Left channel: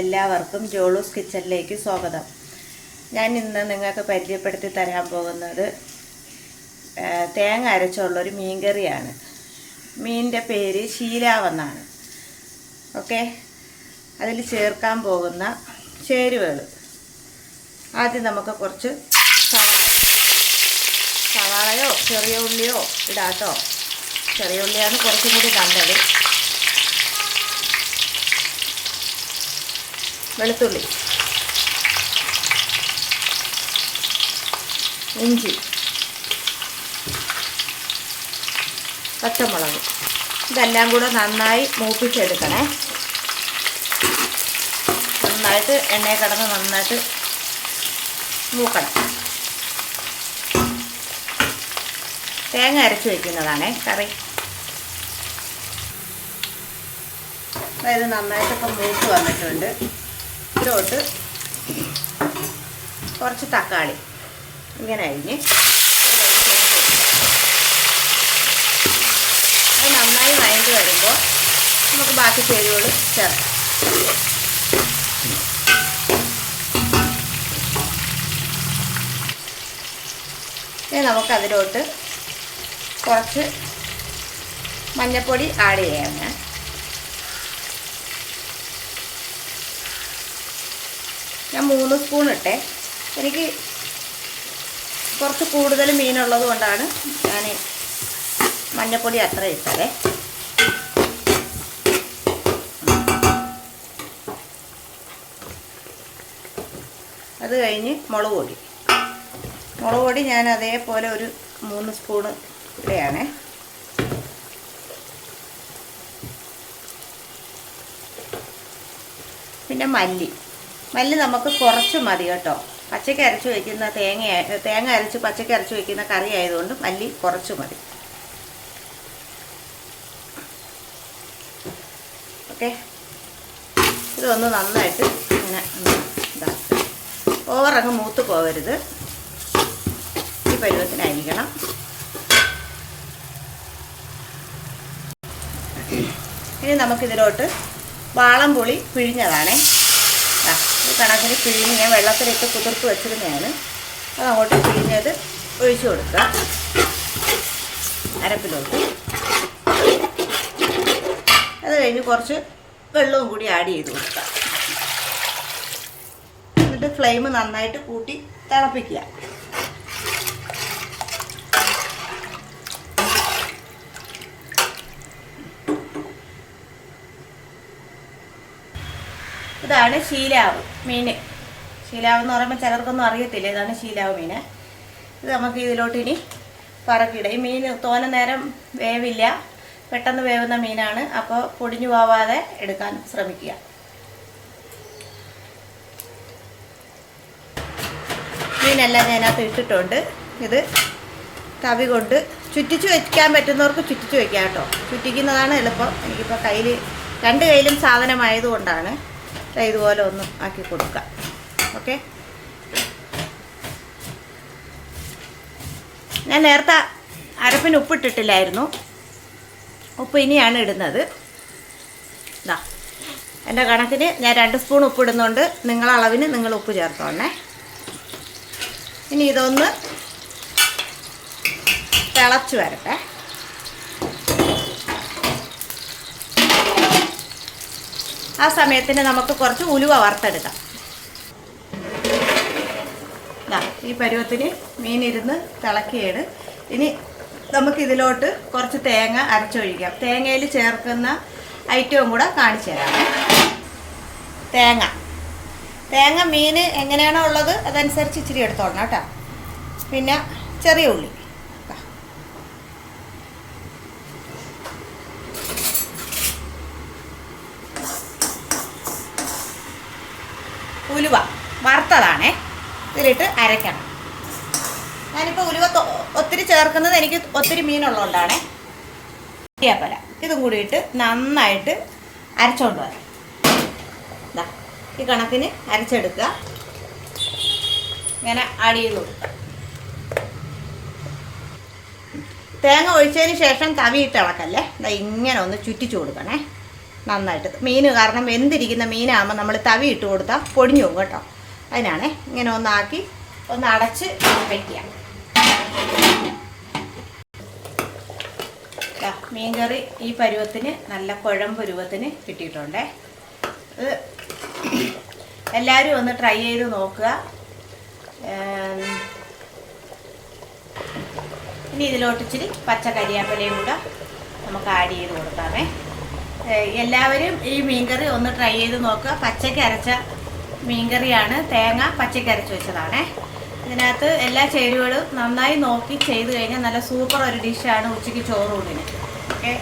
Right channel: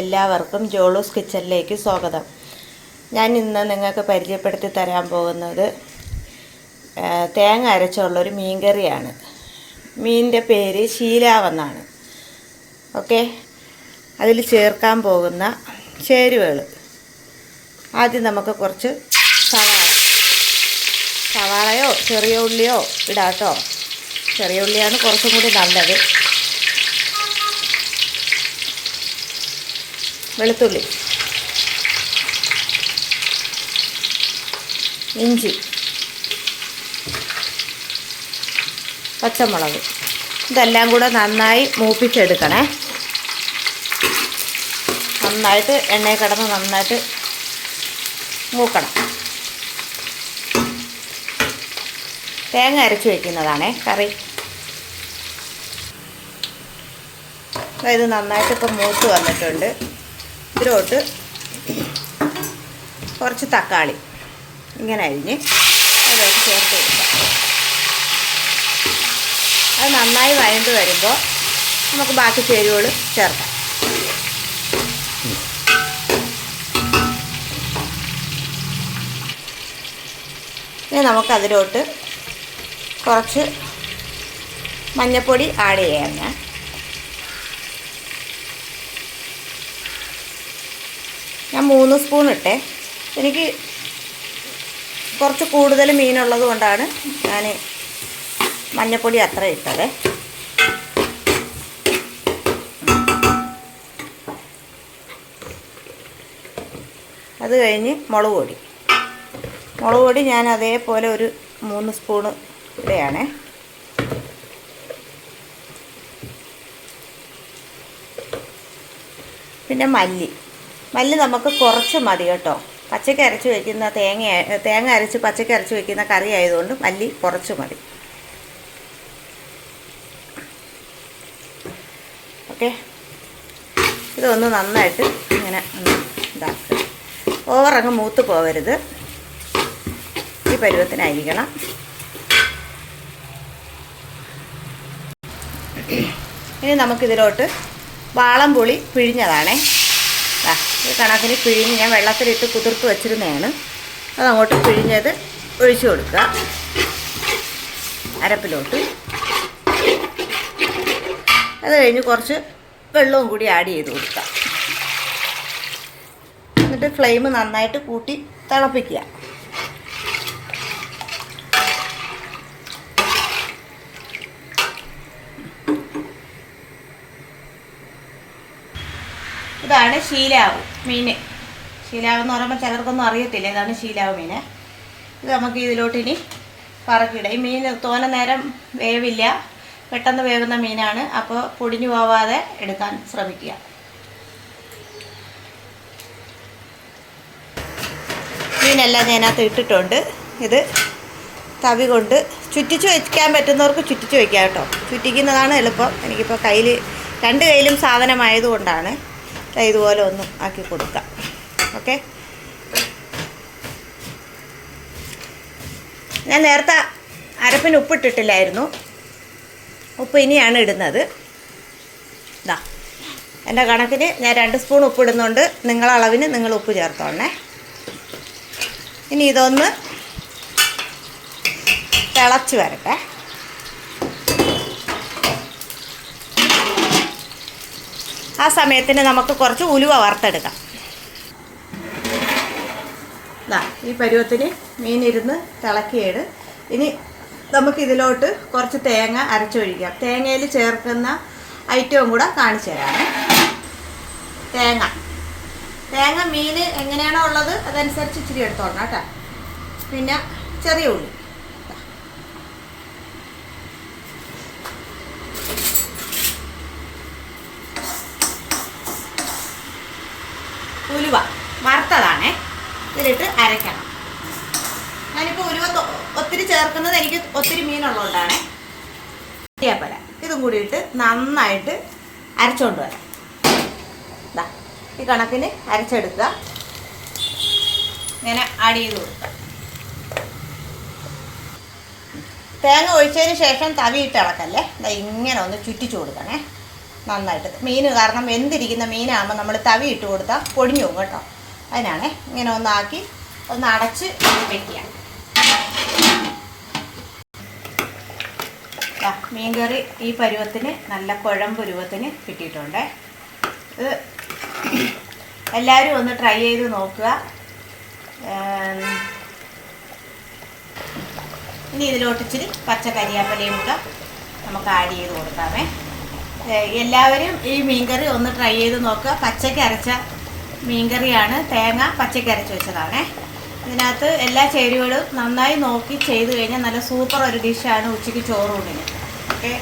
എല്ലാവർക്കും ജോളൂസ് കിച്ചണിലേക്ക് സ്വാഗതം. ഞാൻ ഇന്ന് നിങ്ങൾക്ക് പരിചയപ്പെടുത്തി തരാൻ പോകുന്നത് തേങ്ങ അരച്ചുള്ളൊരു മീൻ കറിയാണ്. മീനിൻ്റെ പേര് ശീലാവെന്നാണ്. ഓക്കെ, അതിൽ ചേർക്കാൻ പോകുന്ന ചേരുവകൾ ആദ്യം നമുക്ക് കുറച്ച് സവാളയോ ചെറിയ ഉള്ളിയോ ഇടാട്ടോ. ചെറിയ ഉള്ളിയാണ് കുറച്ചും കൂടി നല്ലത്. വെളുത്തുള്ളി, ഇഞ്ചി, പച്ചമുളക്, ഇതെല്ലാം കൂടെ നന്നായി മൂപ്പിച്ചെടുക്കണേ. നന്നായിട്ട് എണ്ണയിൽ കിടന്ന് നന്നായിട്ട് മൂക്കണം. തേങ്ങ അരച്ച് വയ്ക്കുന്നതാണേ കറി. ഇത് നന്നായിട്ട് ഇപ്പം മൂത്ത് വന്നിട്ടുണ്ട്. ഇതിലോട്ട് കുറച്ച് തക്കാളി ഇങ്ങനെ അരിഞ്ഞ് അതിലോട്ട് ചേർത്ത് അത് നന്നായി വഴണ്ട് വരുമ്പോൾ നമുക്ക് ബാക്കി ചേരുവകൾ ചേർക്കാം. ഇനി നമുക്കതിലോട്ട് കുറച്ച് മഞ്ഞൾപ്പൊടി ആഡ് ചെയ്യാം. ഞാൻ 3 സ്പൂൺ ഇട്ടേ. എനിക്ക് കുറച്ച് കൂടുതൽ മീനുള്ളത് കൊണ്ടാണ് ഞാൻ മഞ്ഞൾപ്പൊടി അത്ര ഇട്ടത്. അത് കഴിഞ്ഞ് മുളക് പൊടി ഞാൻ അതേപോലെ ഒരു 3 സ്പൂണ് ഇട്ടയാണ്. പിന്നെ മല്ലി നമുക്ക് കുറച്ച് മതി കേട്ടോ. പച്ചയ്ക്ക് അരച്ച് വയ്ക്കുന്ന തേങ്ങ അരച്ച് പച്ചയ്ക്ക് അരച്ച് വയ്ക്കുന്ന കറി ആയതുകൊണ്ട് മല്ലി കുറച്ച് മതി. ഓക്കെ, ഇതൊന്ന് നന്നായിട്ട് ഇങ്ങനെ ഇതാക്കുക. ഓവറങ്ങ് മൂത്ത് പോകരുത്, ഈ പരുവത്തിനായിരിക്കണം. ഇനി നമുക്കിതിലോട്ട് വാളംപുളി പിഴിഞ്ഞതാണേ. ഈ കണക്കിന് പിഴിഞ്ഞ് ഞാൻ വെള്ളത്തിലിട്ട് കുതിർത്ത് വെച്ചിരുന്നതാണ്. അതങ്ങോട്ട് പിഴിഞ്ഞത് ഒഴിച്ചു കൊടുക്കുക അരപ്പിലോട്ട്. അത് കഴിഞ്ഞ് കുറച്ച് വെള്ളവും കൂടി ആഡ് ചെയ്ത് കൊടുക്കുക. എന്നിട്ട് ഫ്ലെയിം നന്നായിട്ട് കൂട്ടി തിളപ്പിക്കുക. ഇതാണ് ശീലാവ് മീൻ. ശീലാവ് എന്ന് പറയുമ്പോൾ ചിലർക്കൊന്നും അറിയത്തില്ല. ഇതാണ് ശീലാവ് മീൻ. ഇത് നമുക്ക് ഇതിലോട്ട് ഇനി പറക്കിയിടാം. ഈ മീൻ തോനെ നേരം വേവില്ല, പെട്ടെന്ന് വേവുന്ന മീനാണ്. അപ്പോൾ പൊടിഞ്ഞു പോവാതെ എടുക്കാൻ ശ്രമിക്കുക. മീനെല്ലാം ഇതിനകത്ത് ഇട്ടിട്ടുണ്ട്. ഇത് തവി കൊണ്ട് ചുറ്റിച്ച് വയ്ക്കാൻ പറ്റുന്നവർക്ക് ചുറ്റിച്ച് വയ്ക്കാം കേട്ടോ. ചുറ്റിക്കുന്നതാണ് എളുപ്പം. എനിക്കിപ്പോൾ കയ്യിൽ 2 കയ്യിലും സാധനമായതുകൊണ്ടാണ് ഇതുപോലെ ഒന്ന് ആക്കി കൊടുക്കാം. ഓക്കെ, ഞാൻ നേരത്തെ അരപ്പിന് ഉപ്പിട്ടിട്ടില്ലായിരുന്നു. ഉപ്പ് ഇനിയാണ് ഇടുന്നത്. ഇതാ എൻ്റെ കണക്കിന് ഞാൻ 2 സ്പൂൺ ഉപ്പിടുന്നുണ്ട്. നിങ്ങളളവിന് നിങ്ങൾ ഉപ്പ് ചേർത്തോണേ. ഇനി ഇതൊന്ന് തിളച്ച് വരട്ടെ. ആ സമയത്തിന് നമുക്ക് കുറച്ച് ഉലുവ വറുത്തെടുക്കാം. ഈ പരുവത്തിന് മീനിരുന്ന് തിളക്കിയിട്. ഇനി നമുക്കിതിലോട്ട് കുറച്ച് തേങ്ങ അരച്ചൊഴിക്കാം. തേങ്ങയിൽ ചേർക്കുന്ന ഐറ്റവും കൂടെ കാണിച്ചു തരാം. തേങ്ങ മീൻ എങ്ങനെയാണോ ഉള്ളത് അതനുസരിച്ച് ഇച്ചിരി എടുത്തോളണം കേട്ടോ. പിന്നെ ചെറിയ ഉള്ളി, ഉലുവ വറുത്തതാണേ, ഇതിലിട്ട് അരയ്ക്കണം. ഞാനിപ്പോൾ ഉലുവ ഒത്തിരി ചേർക്കുന്നത് എനിക്ക് ഒത്തിരി മീനുള്ളതുകൊണ്ടാണേ. കരിയാപ്പല ഇതും കൂടി ഇട്ട് നന്നായിട്ട് അരച്ചുകൊണ്ട് വരാം. ഈ കണക്കിന് അരച്ചെടുക്കുക. ഇങ്ങനെ ആഡ് ചെയ്ത് കൊടുക്കുക. തേങ്ങ ഒഴിച്ചതിന് ശേഷം തവിയിട്ട് ഇളക്കല്ലേ. ഇങ്ങനെ ഒന്ന് ചുറ്റിച്ചു കൊടുക്കണേ. നന്നായിട്ട്. മീൻ കാരണം വെന്തിരിക്കുന്ന മീനാകുമ്പോൾ നമ്മൾ തവി ഇട്ട് കൊടുത്താൽ പൊടിഞ്ഞു പോകും കേട്ടോ. അതിനാണ് ഇങ്ങനെ ഒന്നാക്കി ഒന്ന് അടച്ച് വയ്ക്കുക. മീൻകറി ഈ പരുവത്തിന് നല്ല കുഴമ്പ് പരുവത്തിന് കിട്ടിയിട്ടുണ്ടേ. ഇത് എല്ലാവരും ഒന്ന് ട്രൈ ചെയ്ത് നോക്കുക. ഇനി ഇതിലോട്ട് ഇച്ചിരി പച്ച കരിയാപ്പലയും കൂടെ നമുക്ക് ആഡ് ചെയ്ത് കൊടുക്കാമേ. എല്ലാവരും ഈ മീൻകറി ഒന്ന് ട്രൈ ചെയ്ത് നോക്കുക. പച്ചയ്ക്ക് അരച്ച മീൻകറിയാണ്, തേങ്ങ പച്ചയ്ക്ക് അരച്ച് വെച്ചതാണേ. ഇതിനകത്ത് എല്ലാ ചേരുവകളും നന്നായി നോക്കി ചെയ്ത് കഴിഞ്ഞാൽ നല്ല സൂപ്പർ ഒരു ഡിഷാണ് ഉച്ചയ്ക്ക് ചോറൂണിന്. ഓക്കെ.